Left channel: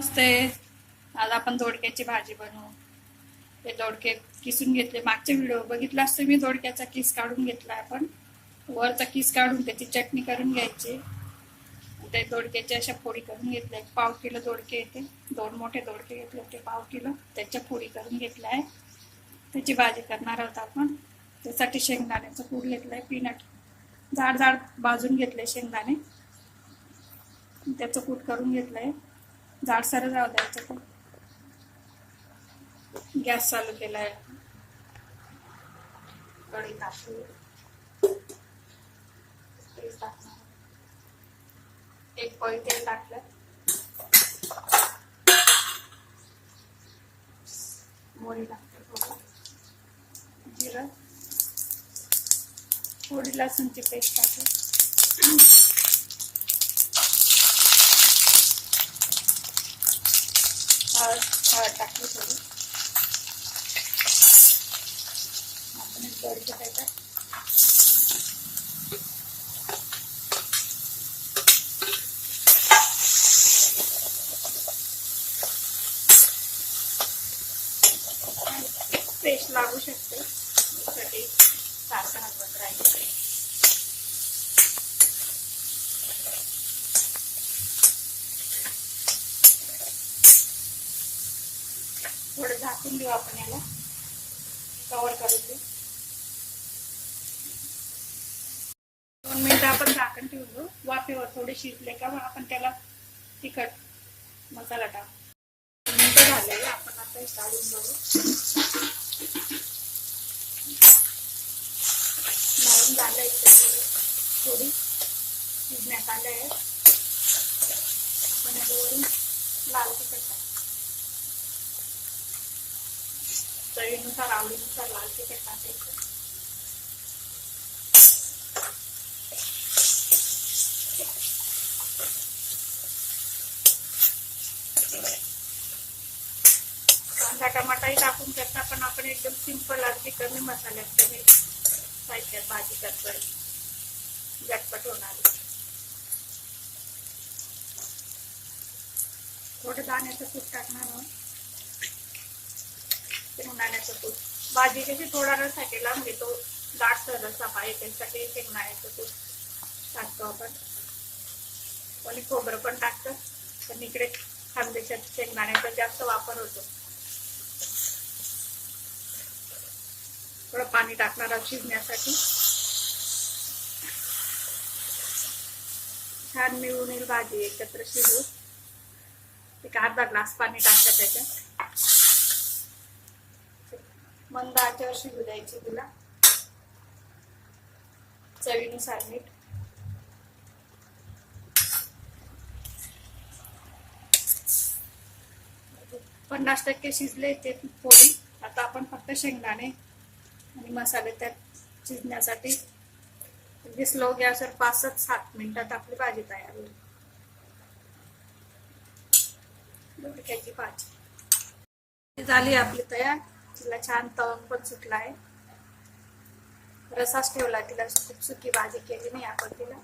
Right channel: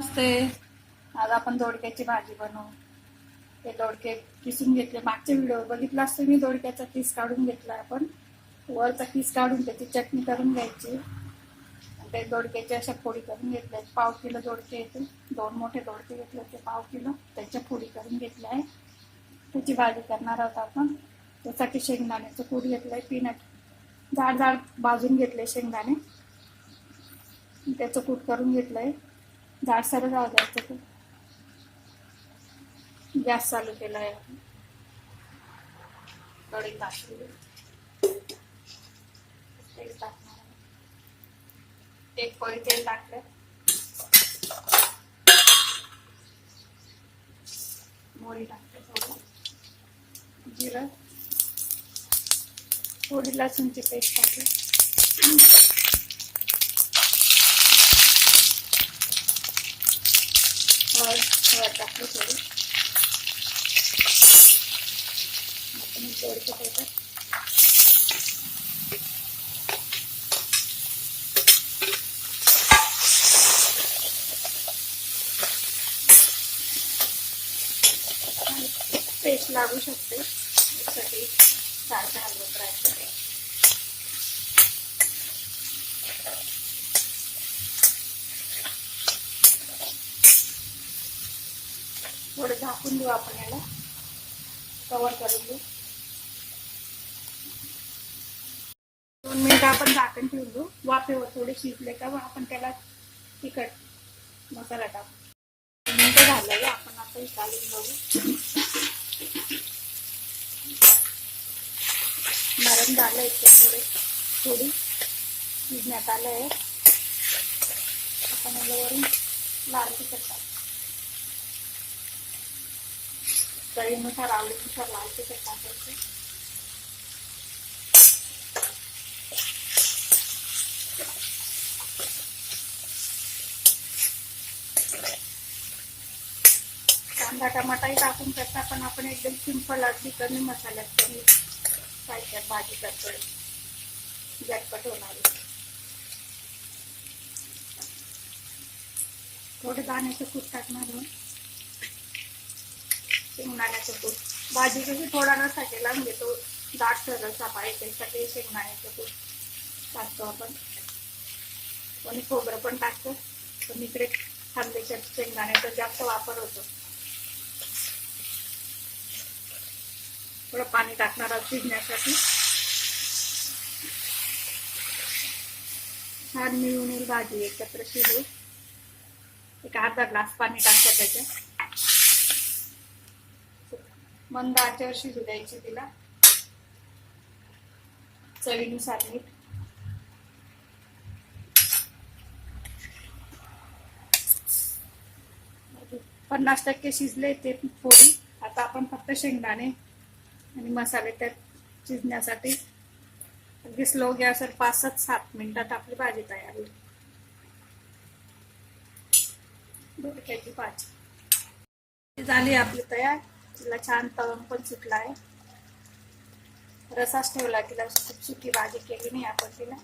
नमस्ते आज आपण दोडक्याची भाजी बनवू. ते दोडके किसून घेतले. मागचे व्हिडिओ बघितला असतो मी दोडक्याचा किस काढून घेतला आपण. वरचा किस काढून त्याची चटणी करून घ्यायची. ते दोडक्याच्या अशा फोडी करून घेतल्या. पाव किलो दोडके येते. दोन मोठे दोडके घेतले होते पाव किलो. त्याच्या फोडी करून घेतल्या आहे. त्याची भाजी करणार आहोत आपण. त्यासाठी शेंगदाण्याचं कूट घेतलंय पीनट जाड जाड भाजून घेतले शेंगदाणे. त्याचं कूट करून घेतलंय. जाडसर जाऊ द्यायचं पण. गॅस चालू केलाय. कढई टाकली. एक पळी तेल टाकलं. मोरी टाकते थोडं. जिरं. थोडी लसूणची पेस्ट टाकली हळद हळद टाकली थोडी आपण दोडके त्याच्यात पेस्ट लागू शकते. यासाठी सारखं हलवत राहायचं थोडं झाकून देऊ आपण याला. कवर करून देऊ. दोन मिनिटं आपण झाकण ठेवून देऊ वाफेवर थोडे शिजले का मग आपण त्याला तिखट मसाला टाकू. दोन मिनिटं झालेले आपण आता हे चालून बघू. नरम झालं इथे थोडे. थोडी शिजण्यात आलं आहे आपण याच्यावरून लाल तिखट टाकू. चवीनुसार आवडीनुसार लाल तिखट टाकायचं. कांदा टमाटाही टाकून करता पण आपण एकदम सिंपल अगदी कमी मसाल्यात कमी साहित्यात भाजी करतोय. झटपट होणार थोडं दाण्याचं खूप टाकणार शेंगदाण्याचं कूट भाजी कशी थोडा रसा केला म्हणजे तो दाटसर रसा पाहिजे त्यासाठी शेंगदाण्याचा कूट टाकतो आपण. कोणी खोबरं पण टाकतं पण इकडे खानदेशात शेंगदाण्याचा जास्त वापर होतो. थोडं पाणी टाकणार आहोत शिजण्यासाठी. छान मिळून येईल भाजी एकत्र शिजू. एक अर्धा ग्लास पाणी टाकतात त्याच्यात. मंद आचेवर शिजू द्यायची तिला. चवीनुसार मीठ पन्नास टक्के शिजले ते पोळी आता आपण फक्त शेंगदाणे आणि मसाले त्यात शिजण्यासाठी. अगदी स्लो गॅसवर पाच सात सात मिनिटात आपली भाजी तयार होईल. दोडक्याची भाजी झाली आपली तयार. तिला छान तवंग पण सुटला आहे रसाच ठेवला तिला खूप सुकी भाजी केली नाही आपण तिला.